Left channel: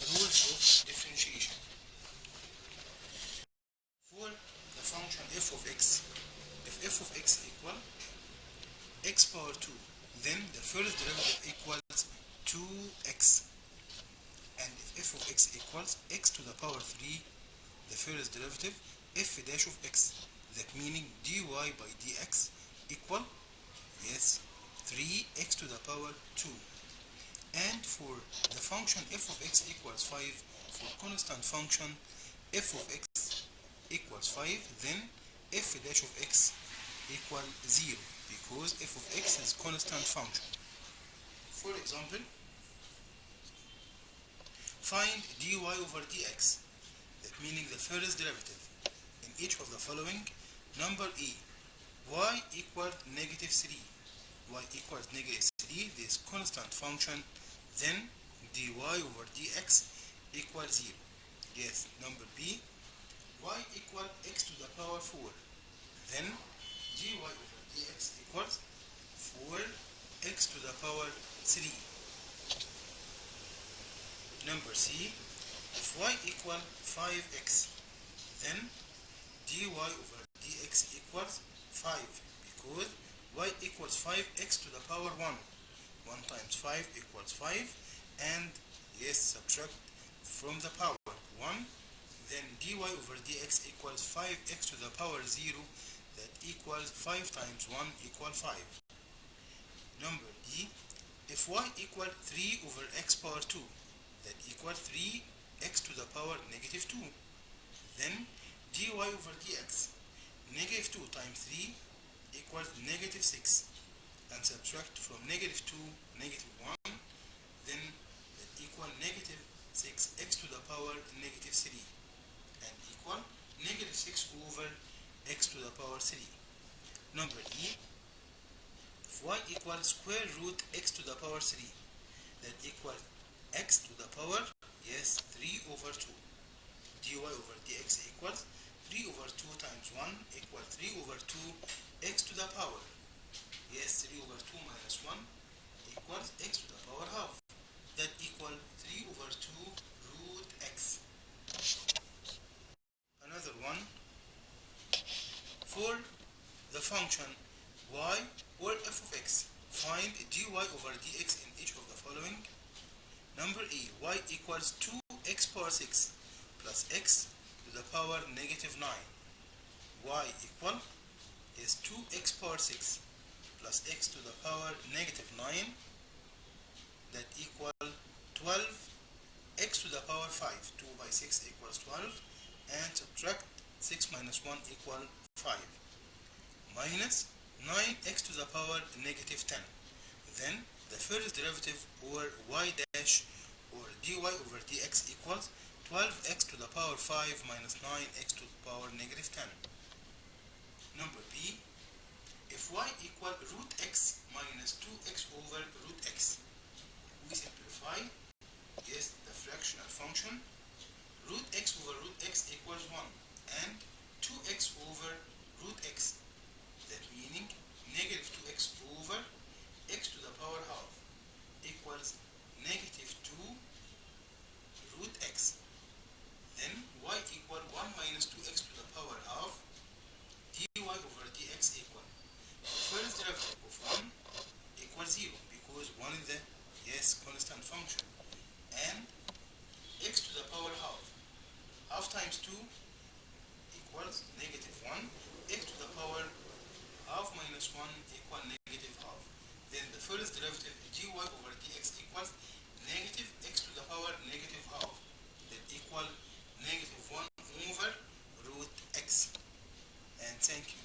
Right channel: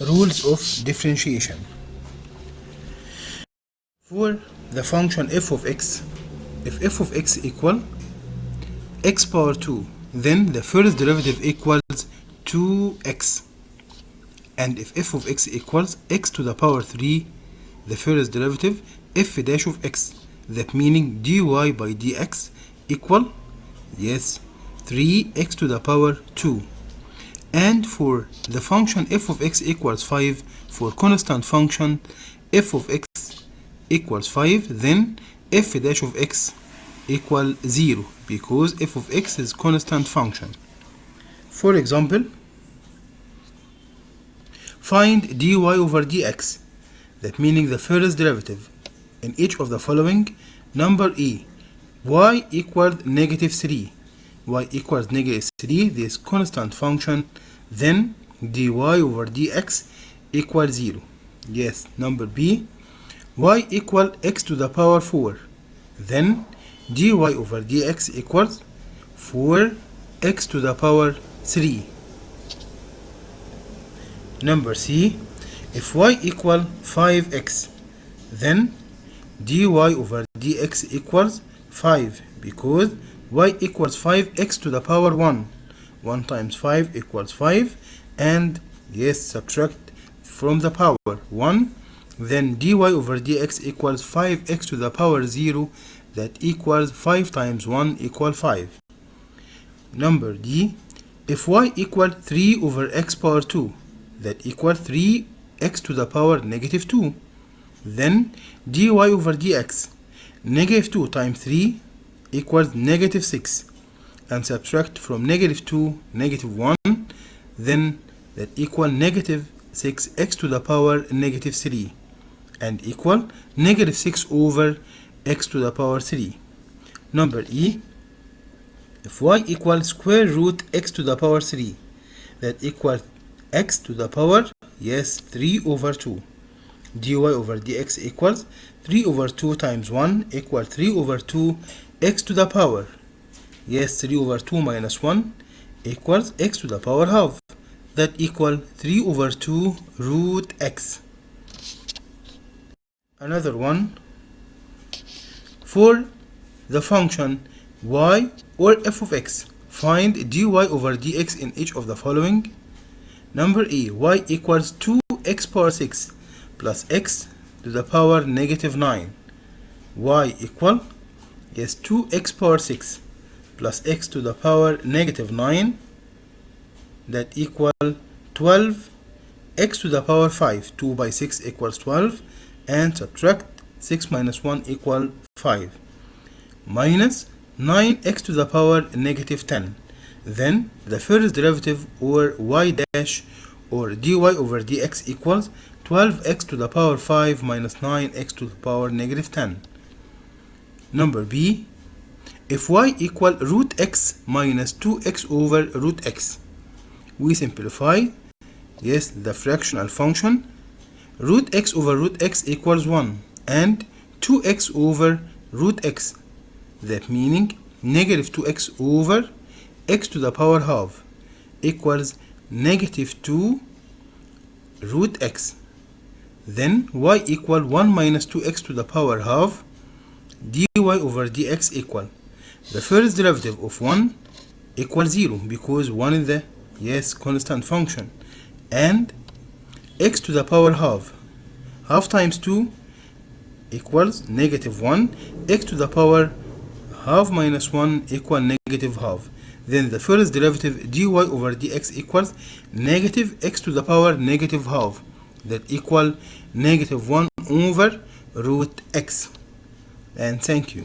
Rules of differentiation. For the function f of x, if f of x equal x power 2, then the first derivative equals 2x. And if f of x equals x to the power 3, the first derivative f dash of x, that meaning dy by dx equal, yes, 3x to the power 2. And for the function f of x equals 5, for constant function f of x equals 5, then f dash of x equal 0, because f of x is constant function. For example, find dy over dx, that meaning the first derivative in each of the following. Number e, y equals negative 3, y equals negative 3, this constant function, then dy over dx equals 0. Yes. Number b, y equal x to the power 4, then dy over dx equals 4x to the power 3. Number c, if y equal 5x, then dy over dx equals 5, because y equals 5x to the power 1. 1 times 5 equals 5, and yes, subtract from the power 1, then dy over dx equals 5x to the power 0, that equals 5 times 1 equal 5. Number d, if y equal 3 over x power 2, that equals 3x to the power negative 2, then dy over dx, negative 2 times 3 equals negative 6, and subtract from negative 2 negative 1, then that equal negative 6x to the power negative 3, and equal negative 6 over x to the power 3. Number e, if y equals square root x to the power 3, that equals x to the power, yes, 3 over 2. dy over dx equals 3 over 2 times 1 equals 3 over 2 x to the power, yes, 3 over 2 minus 1 equals x to the power half, that equal 3 over 2 root x. Another one, for the function y or f of x, find dy over dx in each of the following. Number e, y equals 2x power 6 plus x to the power negative 9. Y equal, yes, 2x power 6 plus x to the power negative 9, that equal 12 x to the power 5. 2 by 6 equals 12, and subtract 6 minus 1 equal 5, minus 9x to the power negative 10. Then the first derivative, or y dash or dy over dx, equals 12x to the power 5 minus 9x to the power negative 10. Number b, if y equal root x minus 2x over root x, we simplify, yes, the fractional function. Root x over root x equals 1, and 2x over root x, that meaning negative 2x over x to the power half equals negative 2 root x. Then y equal 1 minus 2x to the power half, dy over dx equal, the first derivative of 1 equals 0, because 1 is the, yes, constant function, and x to the power half, half times 2 equals negative 1, x to the power half minus 1 equal negative half. Then the first derivative dy over dx equals negative x to the power negative half, that equal negative 1 over root x. And thank you.